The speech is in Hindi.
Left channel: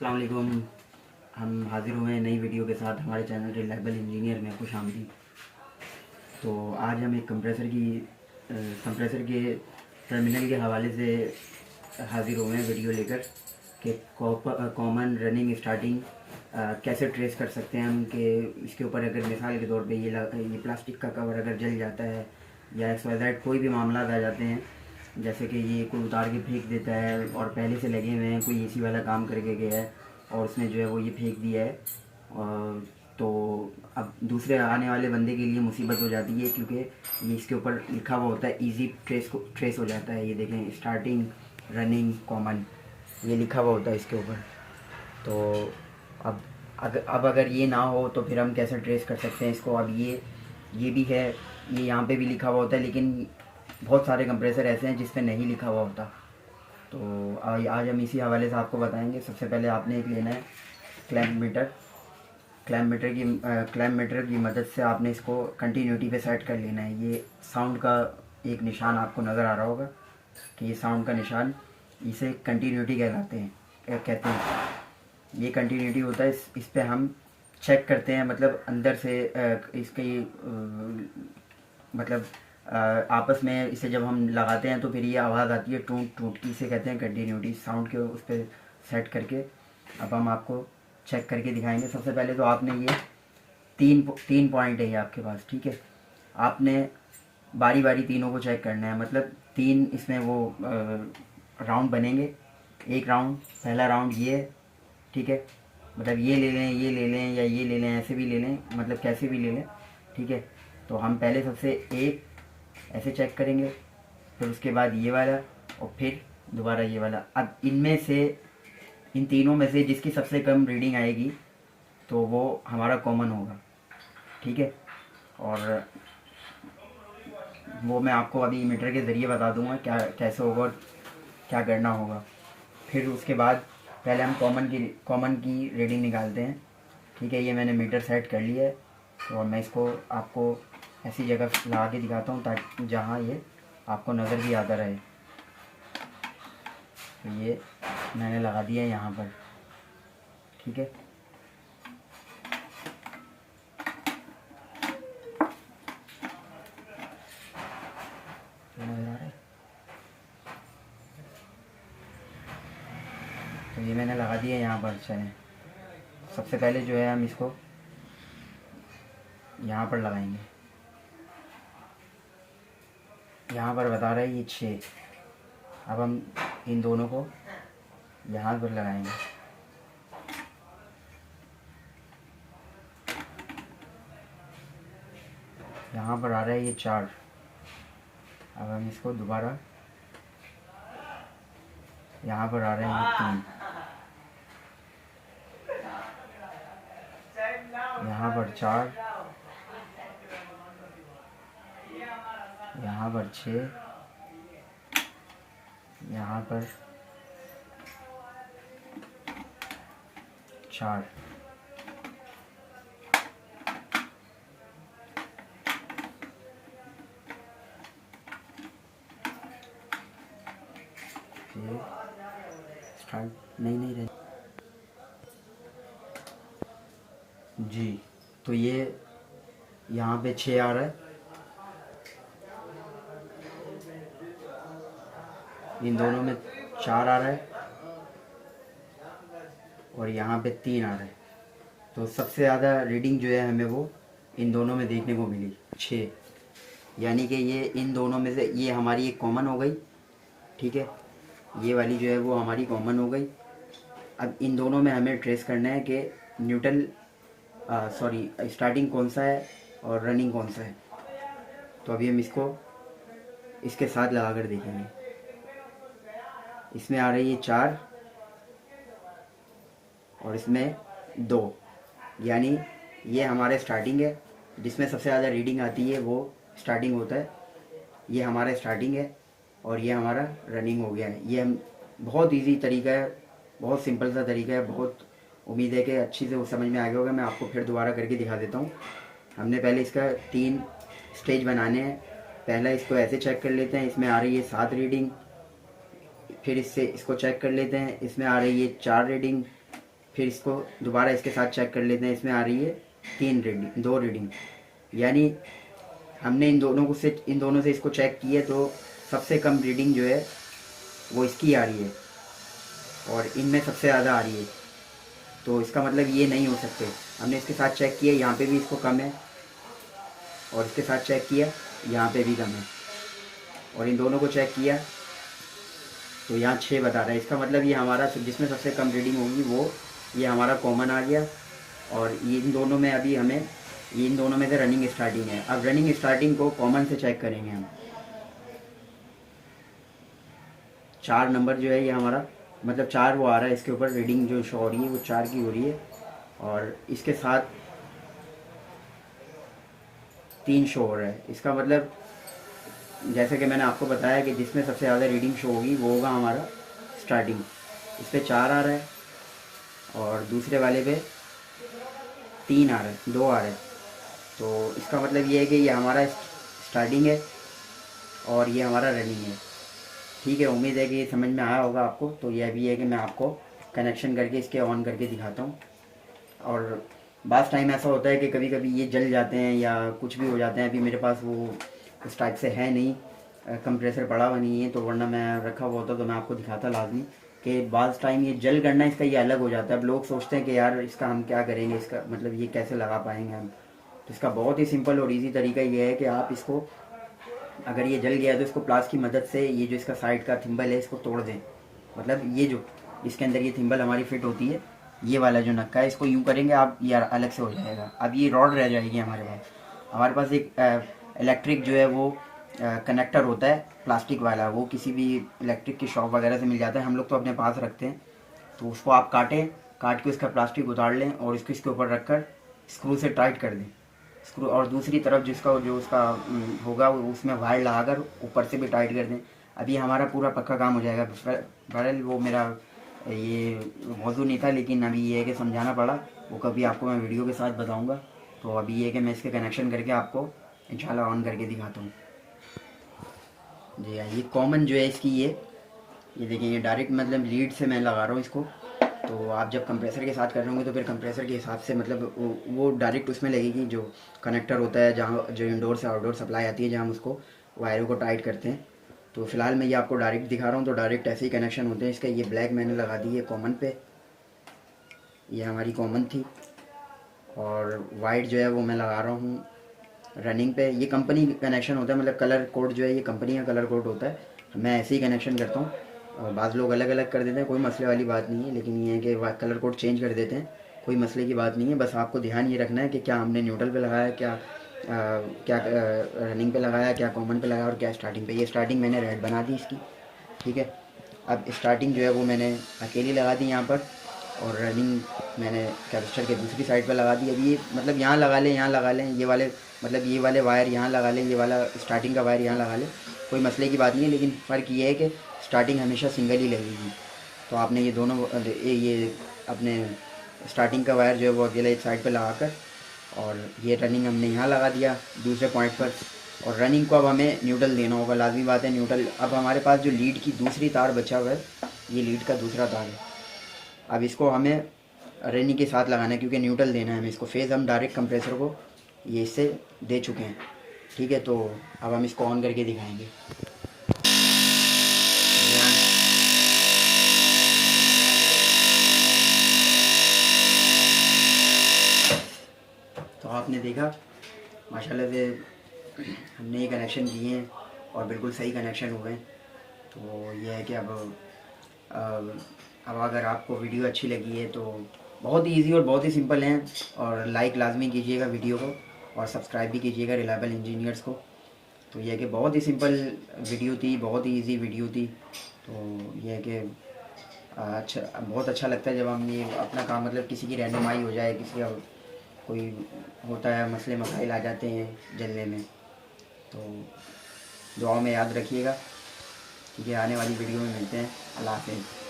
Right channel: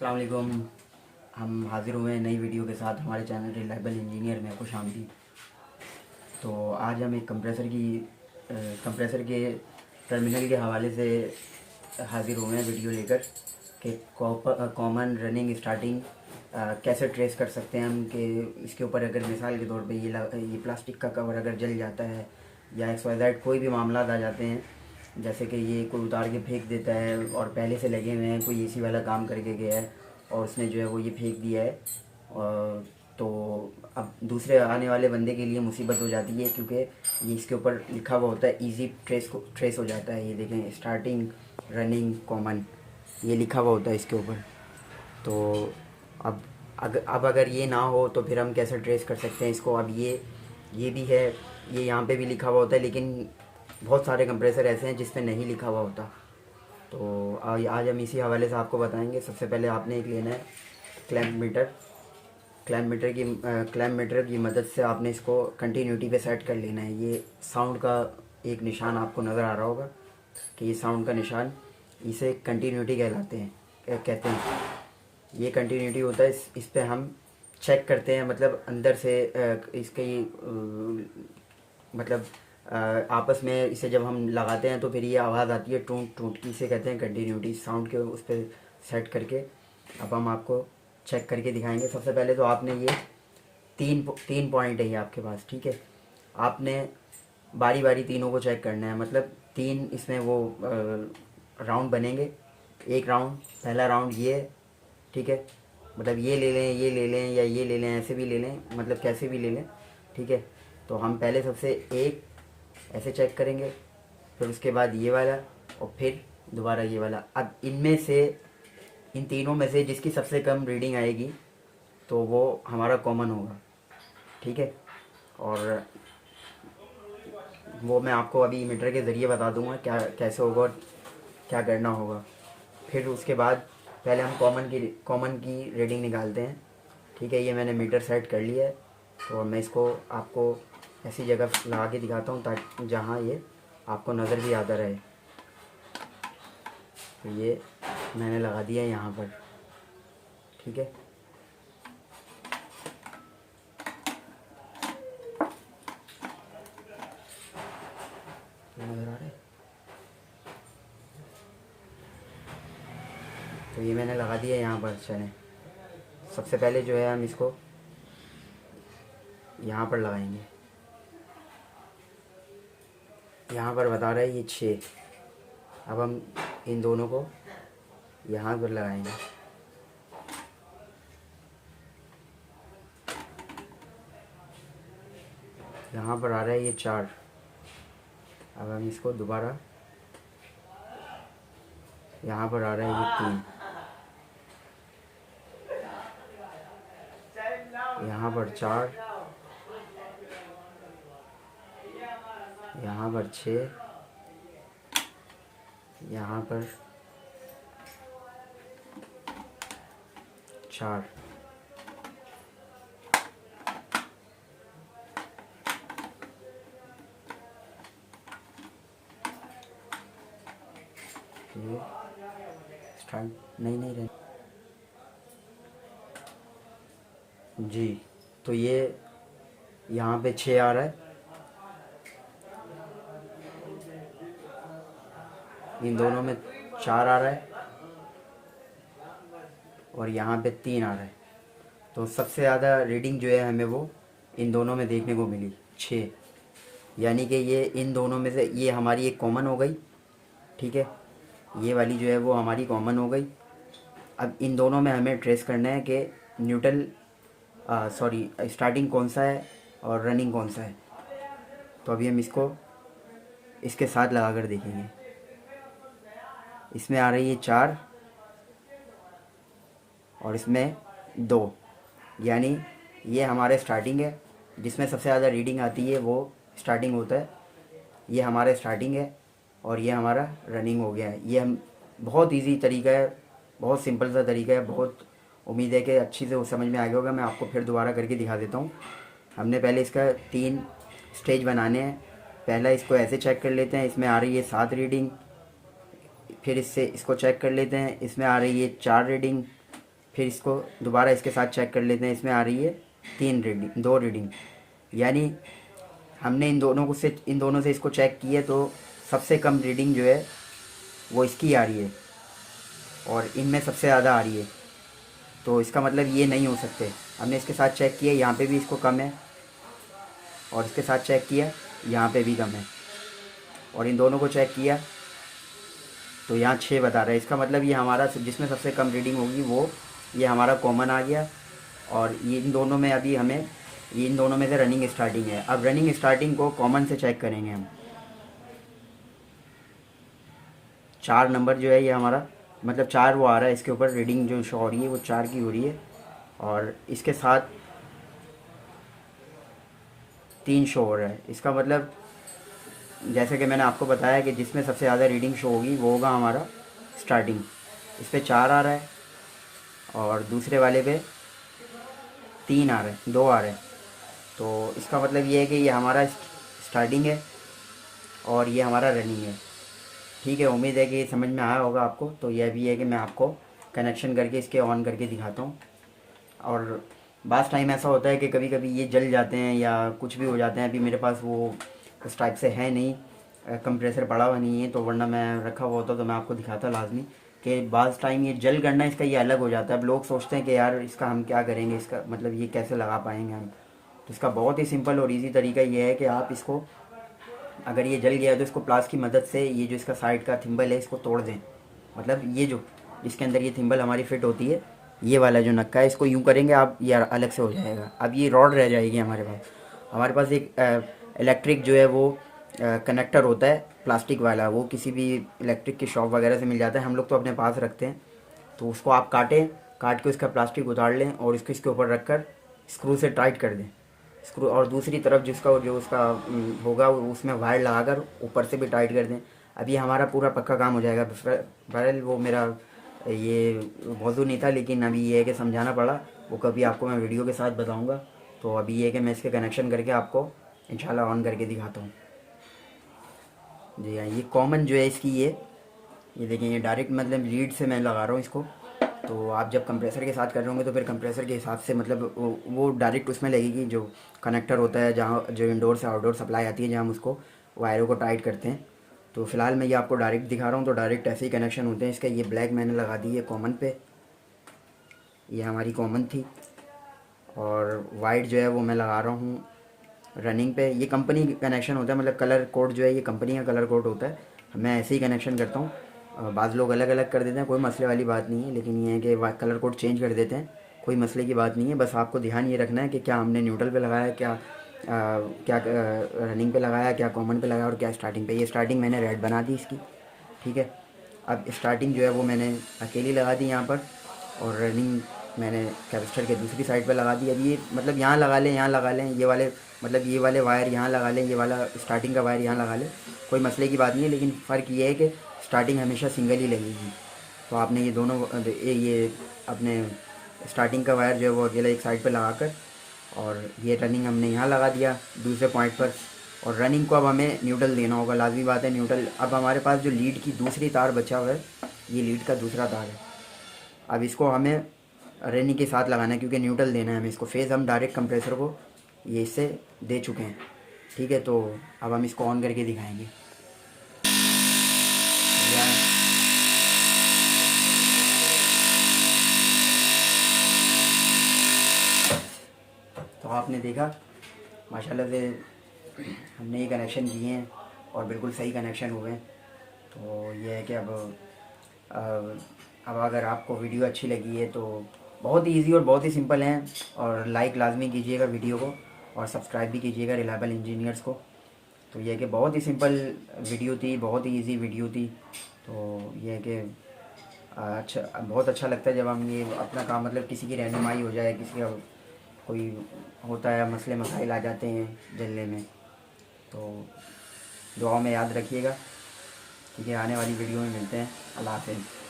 अस्सलाम वालेकुम। हम हाज़िर हुए हैं नई वीडियो के साथ हमारे चैनल रिलायबल इंजीनियर में खुशामदीद। तो आज हम एक कंप्रेसर के टर्मिनल के हवाले से हाज़िर हुए हैं वीडियो लेकर कि कॉमन रनिंग स्टार्टिंग कैसे ट्रेस कर सकते हैं हम कि इसके ऊपर अगर मिसाल के तौर पे ये प्लास्टिक का कवर अगर जल जाता है या XYZ कोई भी मामला आ जाते हैं, जैसे कि ये कोई उतार के फेंक देता है और पहले से लगे हुए हैं, कोई एसी वाला काम करके गया है और उसने जो है वो ये फेंक दिया है, तो अब दूसरे आने वाले बंदे के लिए मुसीबत हो जाती है, क्योंकि ये इसके ऊपर लिखा हुआ होता है इजी ट्रेस हो जाता है। ये देखें, स्टार्टिंग रनिंग कॉमन, ये लिखा हुआ होता है इसके ऊपर। तो अब अगर ये ना हो तो फिर हम कैसे ट्रेस कर सकते हैं इसको। अब ये भी है, ये यहाँ पे भी लिखा हुआ होता है, लेकिन बहुत सारे कंप्रेसर ऐसे हैं जिस पे नहीं लिखा हुआ होता। तो आज हम इसी हवाले से आपको बताएंगे। सबसे पहले आपने एक लेना है क्लैम्प मीटर की मदद से आपने इसको कंटिन्यूटी पे सेट कर लेना है। ये साउंड का एक निशान आपको नज़र आ रहा होगा कि ये साउंड का निशान, इसे कंटिन्यूटी कहते हैं। ये कंटिन्यूटी होता है। इस पे हम चेक करते हैं, मतलब अंदर से इसके मतलब आपस में इसे जब हम लगाते हैं तो फिर ये आवाज़ आती है टूट टूट की, इसे कहते हैं कंटिन्यूटी। साउंड के उस पर सेट करके अब हम आपको चेक करके दिखाएंगे। सबसे पहले तो आपने ये तीन पॉइंट है ये आपके पास, ठीक है। आपने बारी बारी तीनों को चेक करना है, मतलब तीन इसमें वो राउंड बनेंगे। एक राउंड, पहला राउंड ये, ठीक है, मतलब ये ले लें, ये ले लें या ये ले लें, ऐसे भी ले लें, मतलब कैसे भी ले लें, ठीक है। तो हम पहले सबसे एक ऐसे चेक करेंगे, फिर उसके बाद ये वाला और फिर दोबारा ये वाला। अब इन तीनों में से जिसकी सबसे कम रीडिंग आएगी तो वो हमारा कॉमन होगा, ठीक है। और वो मैं आपको अभी मीटर के ज़रिए बता दूंगा क्या कैसे होगा और क्या करना होगा। फिर उसके बाद पहले हम कॉमन की रीडिंग निकालते हैं, ठीक है। ये मैंने मीटर सेट कर लिया है, तो मैं इसको आपको ऐसी जगह लगा के दिखाता हूँ ताकि जहाँ ये आपको नज़र भी आता रहे। तो ये मैंने लगा दिया है यहाँ पर, ठीक है। नज़र आ रहा है। तो ये मैंने लगा दिया है यहाँ पर। चलें, सबसे पहले जो है हम इसको यहाँ पर लगाएंगे। यहाँ पर बता रहा है ये 6। अब हम इन दोनों को यहाँ पर लगाएंगे। यहाँ पर आ रहा है ये 4। अब हम इसको दोबारा, यहाँ पर आ रहा है ये 3, यहाँ पर 4, यहाँ पर 6, यहाँ पर 4। ये स्टार्ट नहीं रहे जी। तो ये यहाँ पे 6 आ रहा है, इन दोनों में 4 आ रहा है और यहाँ पे 3 आ रहा है। तो सबसे ज़्यादा रीडिंग जो है हमें वो इन दोनों में देखने को मिली 6, यानी कि ये इन दोनों में से ये हमारी एक कॉमन हो गई, ठीक है। ये वाली जो है वो हमारी कॉमन हो गई। अब इन दोनों में हमें ट्रेस करना है कि स्टार्टिंग कौन सा है और रनिंग कौन सा है। तो अभी हम इसको इसके साथ लगा कर देखेंगे। इसमें आ रही है 4 और इसमें 2, यानी ये हमारा स्टार्टिंग है। जिसमें सबसे ज़्यादा रीडिंग आती है वो स्टार्टिंग होता है। ये हमारा स्टार्टिंग है और ये हमारा रनिंग हो गया है। ये हम बहुत इजी तरीका है, बहुत सिंपल सा तरीका है। बहुत उम्मीद है कि अच्छी से वो समझ में आ गया होगा। मैं आपको फिर दोबारा करके दिखा देता हूँ। हमने पहले इसका 3 स्टेज बनाने हैं। पहला इसको ऐसे चेक कर लेते हैं, इसमें आ रही है 7 रीडिंग। फिर इसको चेक कर लेते हैं, इसमें आ रही है 4 रीडिंग। फिर इसको दोबारा इसके साथ चेक कर लेते हैं। इसमें आ रही है 2 रीडिंग, यानी हमने इन दोनों से इसको चेक किए तो सबसे कम रीडिंग जो है वो इसकी आ रही है और इनमें सबसे ज़्यादा आ रही है। तो इसका मतलब ये नहीं हो सकते। हमने इसके साथ चेक किया, यहाँ पे भी इसको कम है, और इसके साथ चेक किया यहाँ पे भी कम है, और इन दोनों को चेक किया तो यहाँ 6 बता रहा है। इसका मतलब ये हमारा जिसमें सबसे कम रीडिंग होगी वो ये हमारा कॉमन आ गया। और ये इन दोनों में अभी हमें ये इन दोनों में से रनिंग स्टार्टिंग है। अब रनिंग स्टार्टिंग को कॉमन से चेक करेंगे हम। 4 नंबर जो है ये हमारा मतलब 4 वो आ रहा है, इसके ऊपर रीडिंग जो शो हो रही है वो 4 की हो रही है, और इसके साथ 3 शो हो रहा है। इसका मतलब जैसे कि मैंने आपको बताया कि जिसमें सबसे ज़्यादा रीडिंग शो होगी वो होगा हमारा स्टार्टिंग। इस पर 4 आ रहा है और दूसरे वाले पे 3 आ रहा है, 2 आ रहा है। तो इसका मतलब ये है कि ये हमारा स्टार्टिंग है और ये हमारा रनिंग है। ठीक है, उम्मीद है कि ये समझ में आया होगा आपको। तो यह भी है कि मैं आपको कनेक्शन करके इसके ऑन करके दिखाता हूँ। और बास टाइम ऐसा होता है कि कभी कभी ये जल जाते हैं या कुछ भी हो जाते हैं। अभी मेरे पास वो उस टाइप से है नहीं, कंप्रेसर पड़ा हुआ नहीं है, तो वरना मैं रखा हुआ होता तो मैं आपको दिखाता लाजमी कि बास टाइम ये जल करना इसका ये अलग हो जाता है। अब लोग सोचते हैं कि यार इसका हम क्या करेंगे, इसका मतलब ये कैसे लगा पाएंगे हम। तो इसका बहुत ही सिंपल और ईजी तरीका ये है कि आप इसको, अगर ये जल गया तो इसको प्लास की मदद से ये जो इसका साइड का थिम्बल है इसको तोड़ दें। मतलब ये जो इसके अंदर ये थिम्बल हमारी फिट होती है, ये वाला जो नक्का है, इसको यूँ करेंगे आप, ये अलग से हो जाएगा। अब ये रॉड रह जाएगी हमारे पास एक इलेक्ट्रिक जो है वो कनेक्टर होता है प्लास्टिक वाला, वो किसी भी इलेक्ट्रिक की शॉप वगैरह से मिल जाता है। हम लोग तो अपने पास रखते हैं। तो उसको आप काट के उसका प्लास्टिक उतार लें और इसको इसके ऊपर रख कर स्क्रू से टाइट कर दें स्क्रू, और दूसरी तरफ जो उसका होगा उसमें वायर लगाकर ऊपर से भी टाइट कर दें। अभी हमारा पूरा पक्का काम हो जाएगा। बहरहाल वो मेरा ये मौजू नहीं था, लेकिन अभी ये है कि समझाना पड़ा। वो कभी आपको मैं वीडियो के साथ बताऊंगा। तो अभी ये है कि मैं इसके कनेक्शन करके आपको इंशाल्लाह ऑन करके दिखाता हूँ। जी हाँ, ये कॉमन जो है इसकी ये देखिए, ये डायरेक्ट मतलब लीड से मैं लगा रहा हूँ इसको। तो आप जब कंप्रेसर के साथ कर रहे होंगे तो फिर कंप्रेसर के हिसाब से मतलब वो डायरेक्ट उसमें लगेगी, जो कनेक्टर होता है जहाँ जो इंडोर से आउटडोर सप्लाई आती है, जहाँ हम उसको वायरों को टाइट करते हैं। तो फिलहाल मैं ये आपको डायरेक्ट दिखा रहा हूँ। तो डायरेक्ट ऐसे ही कनेक्शन होते हैं इसका। ये ब्लैक मैंने लगा दी है कॉमन पे, ये हमारी कॉमन थी, और वाइट जो है वो मैं लगा रहा हूँ रनिंग पे। ये कंपनी कनेक्शन होता है, मतलब कलर कोड जो है ये कंपनी का कलर कोड होता है। मैं ऐसे ही कनेक्शन करता हूँ। बाज़ लोग अलग अलग कर देते हैं, कोई मसले वाली बात नहीं है, लेकिन ये है कि कलर कोड चेंज कर देते हैं, कोई मसले की बात नहीं है। बस आपको ध्यान ये रखना है कि क्या हमने न्यूट्रल पे लगाया, क्या रनिंग पे लगाया, क्या कॉमन पे लगाया और क्या स्टार्टिंग पे। ये स्टार्टिंग मैंने रेड बना दी इसकी। ठीक है, अब स्टार्टिंग जो है वो मैंने अकेली लगा दी यहाँ पर, और रनिंग मैंने कैपेसिटर के दूसरी साइड पर लगा दी। अब ये मतलब यहाँ लगा लें, यहाँ लगा लें, ये वाले वायर यहाँ लगा लें, ये वाला स्टार्टिंग का वायर यहाँ लगा लें, कोई मसले की बात नहीं है। लेकिन फ़र्क ये है कि स्टार्टिंग हमेशा सिंगल ही लगेगी। तो आपने ये दोनों ये अपने स्टार्टिंग का वायर जो है वो अकेला एक साइड पर लगा कर, और ये रनिंग हमने यहाँ लगा दिया दूसरे पॉइंट पर। और रनिंग को अब हमें न्यूट्रल देना होगा, लाजमी बात है न्यूट्रल। अब हमारे पास जो लीड की दूसरी तार बचा हुआ है, ये लीड का दूसरा तार है। अब इसको हमें रनिंग के साथ लगाना है, क्योंकि न्यूट्रल देना है हमें इसको। फेज़ हम डायरेक्ट कंप्रेसर को ये इससे दे चुके हैं। ठीक है, तो अब हम इसको ऑन करके दिखाएंगे। तो आपने देखा माशाल्लाह से हमने ये कनेक्शन किए हैं और बिल्कुल सही कनेक्शन हुए। तो ये है कि अब अगर आपको वीडियो अच्छी लगी है तो बहुत ही ईजी और बहुत ही सिंपल हैं, और लाइक लाजमी कीजिएगा वीडियो को, और सब्सक्राइब भी कीजिएगा रिलायबल इंजीनियर्स को। तो यह है कि बहुत ही सिंपल वीडियो थी, बहुत ही इजी वीडियो थी। तो यह है कि बहुत अच्छा लगता है जब हम ये अपना काम, मतलब किसी की रहनुमाई हो जाए, किसी का कोई होता है मसले मसाइल आ जाते हैं जलने में। तो दुआ में याद रखिएगा, क्योंकि आने वाली वीडियो में मिलते हैं। अल्लाह हाफ़िज़।